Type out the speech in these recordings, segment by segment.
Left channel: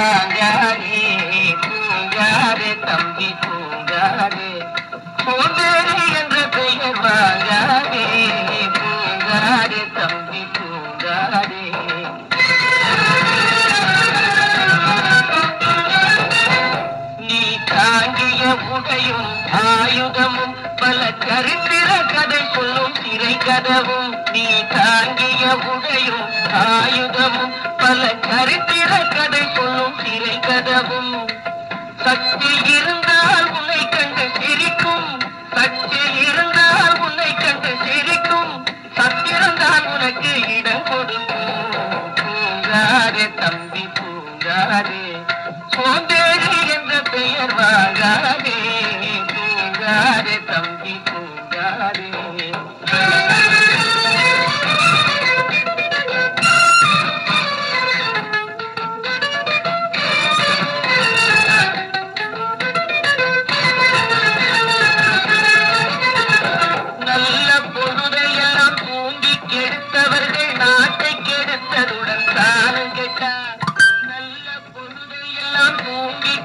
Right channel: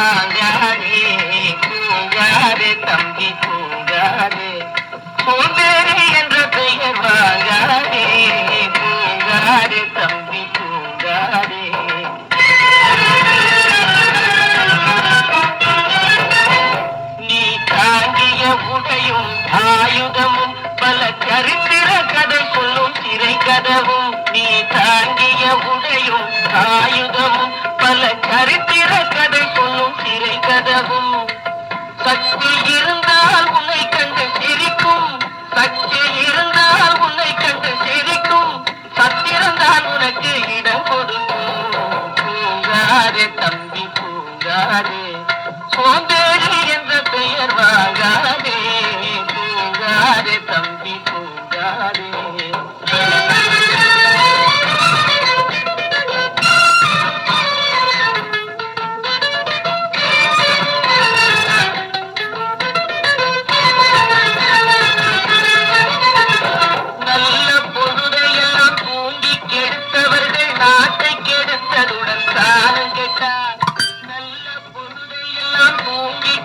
பூங்காரே பூங்காரே தம்பி பூங்காரே பூங்காரே என்ற பெயர் வாங்காரே பூங்காரே தம்பி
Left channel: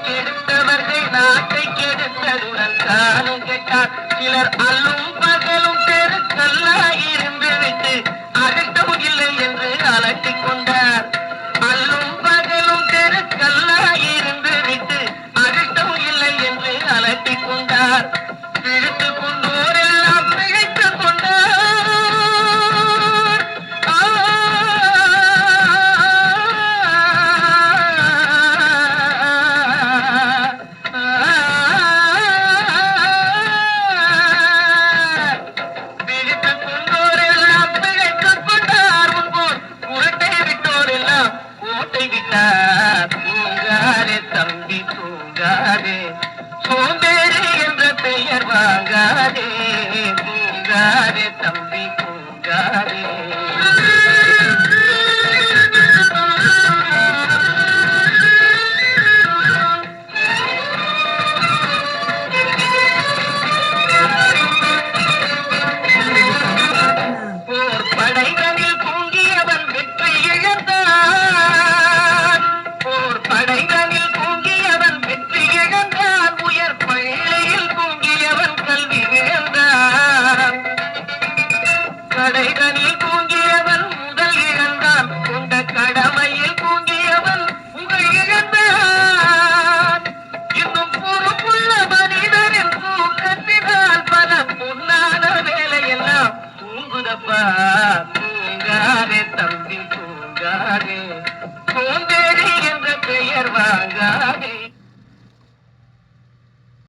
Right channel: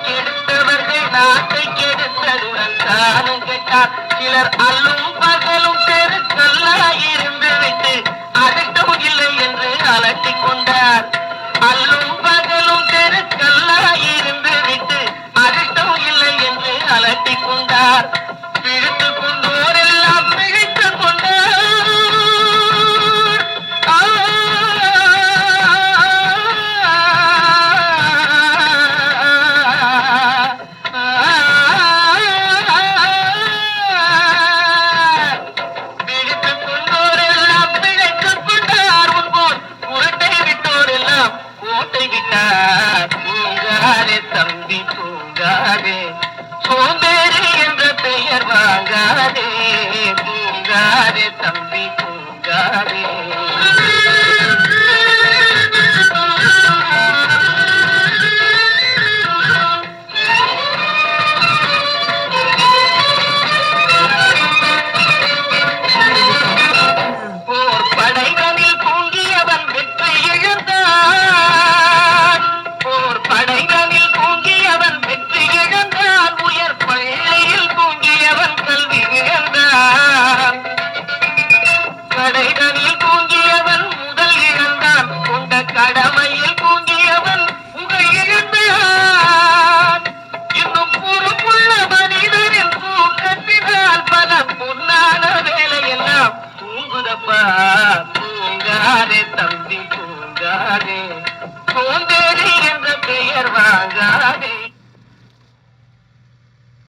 கெடுத்தவர்கள் நாட்டை கெடுத்ததுடன் தானும் கேட்டார். சிலர் அல்லும் பகலும் தெருக்கல்லாயிருந்து விட்டு அகட்டவும் இல்லை என்று அலட்டி கொண்டார். அல்லும் பகலும் தெருக்கல்லாயிருந்து விட்டு அகட்டவும் இல்லை என்று அலட்டி கொண்டார். கோட்டை விட்டார்